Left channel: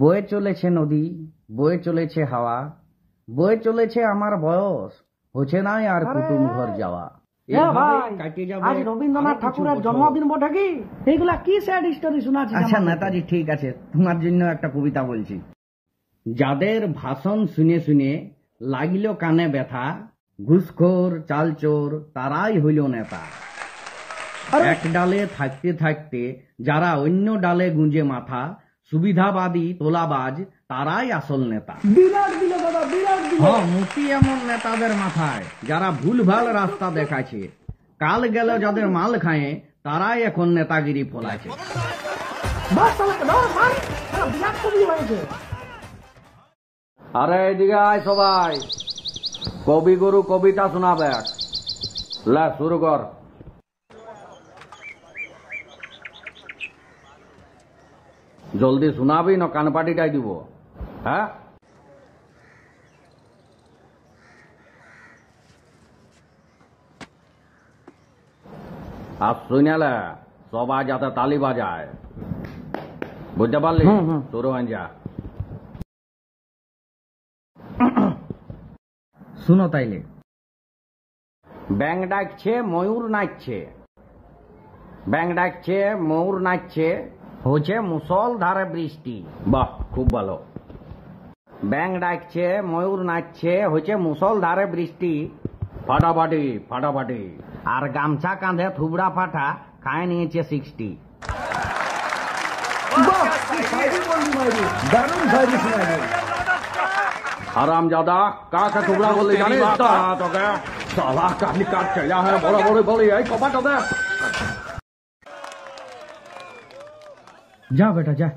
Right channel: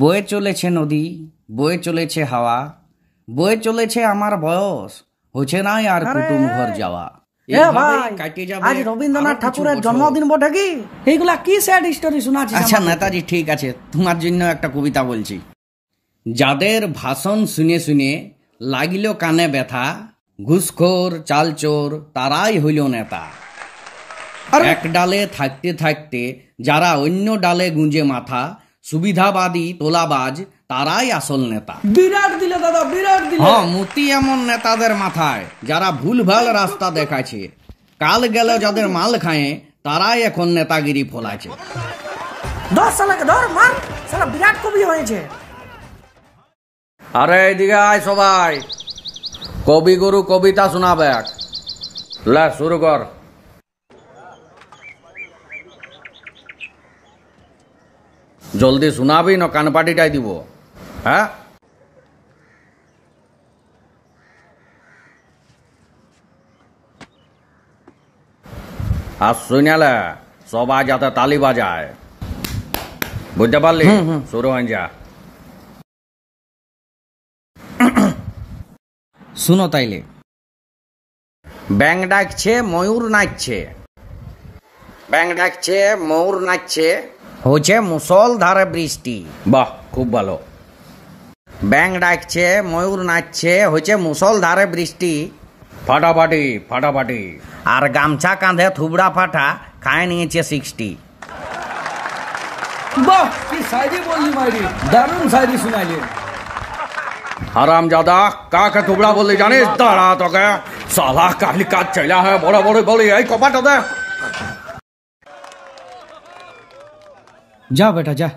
বয়ে চলেছে নদী, বয়ে চলেছে হাওয়া, বয়ে চলেছে আমার বয়স, হচ্ছে নাই আর কুটুম ঘর যাওয়া। আজ রবীন্দ্রনাথ ঠাকুরের জন্মদিন বটে কি? এইগুলা কি স্যাড স্টোরি শোনাচ্ছিস? আচ্ছা নেতাজি, ঠিক আছে, তোমার জন্য একটা কবিতা বলছি। যাদের ভাষণ শুনে শুনে লাগিল কানে ব্যথা, ঘুষখোর চালচোর তারাই হইল নেতা। এক ডালে থাকতে থাকতে যারা অন্য ডালে গুঁজে মাথা, সুবিধাবাদী তোলাবাজ তারাই আসল নেতা। বিরাট দিলে দাদা, বিরাট দিলে। হ্যাঁ, মতি এমন নেতাদের মাথায় যারা ভুলভাল রাস্তা দেখাচ্ছে, কাল গেল যাদের মাল খায় তারাই এখন নেতাগিরি ফলাচ্ছে। বিরাট কবি হয়েছে। আরে এদিকে আয় সবাই, কবিগুরু কবিতা শোনাবে। লে শুরু কর। জলদি শোনাবি না কানপাটিটাই দিব? হ্যাঁ, আর শুনালে সবাই যাতে তালি বাজায়, বুঝতে পারলি? শুরু হয়ে যা। শুনো তাইলে। ব্যাং ডাকছে ময়ূর নাচছে, ব্যাং ডাকছে ময়ূর নাচছে, হচ্ছে মুষলধারে বৃষ্টি। বাহ, খুব ভালো। ব্যাং ডাকছে ময়ূর নাচছে, হচ্ছে মুষলধারে বৃষ্টি, ফাটাফাটি ফাটাফাটি। আর গামছা কাঁধে থুবড়া ফাটা খায় নিয়েছে 60। বাহ, কি শায়রি বললি মাইরি, দারুণ শায়রি শোনালি। হারাম জাদা, কাকে থুবড়া বললি জানিস? দাঁড়া তোকে সালা কালি কাজ চাইলা হয় বড় বড় বলি। এই কপাটা দে। যা বেটা যা।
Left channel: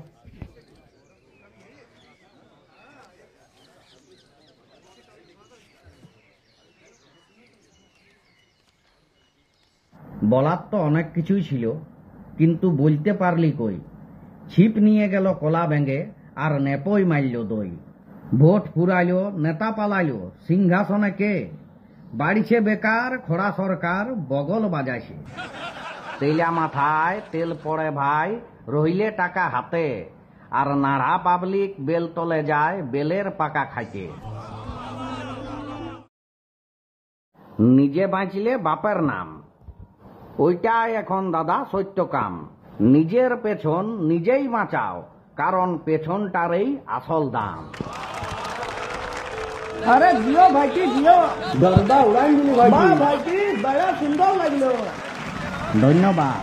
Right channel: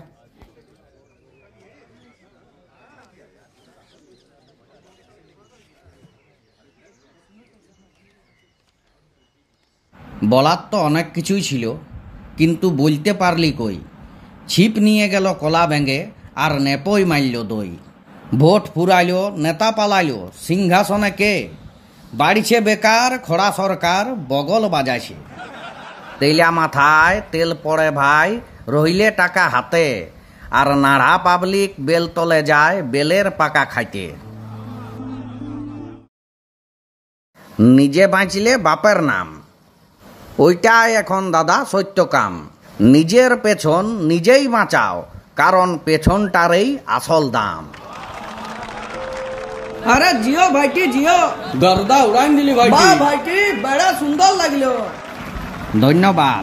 বলার তো অনেক কিছুই ছিল, কিন্তু বলতে পারলি কই? ছিপ নিয়ে গেল কলা ব্যাঙে, আর নেপই মারল দই। ভোট ফুরাইল, নেতা পালাইল, সিংহাসনে কে? বাড়িছে বেকার, খোড়া সরকার বগল বাজাইছে। তেলা মাথায় তেল পড়ে ভাই, রইলে টাকা হাতে, আর নাড়া পাবলিক বেল তলে যায় বেলের পাকা খাইতে। নিজে বাঁচলে বাপের নাম, ওইটাই এখন দাদা সত্য কাম। নিজের পেছন নিজেই বাঁচাও, কারণ পেছনটারই আসল দাম। আরে জিও ভাইটি জিও, গর্দা উড়ান দিলি ভাইটি। ভাইটি বড় সুন্দর লাগলো। ধন্যবাদ।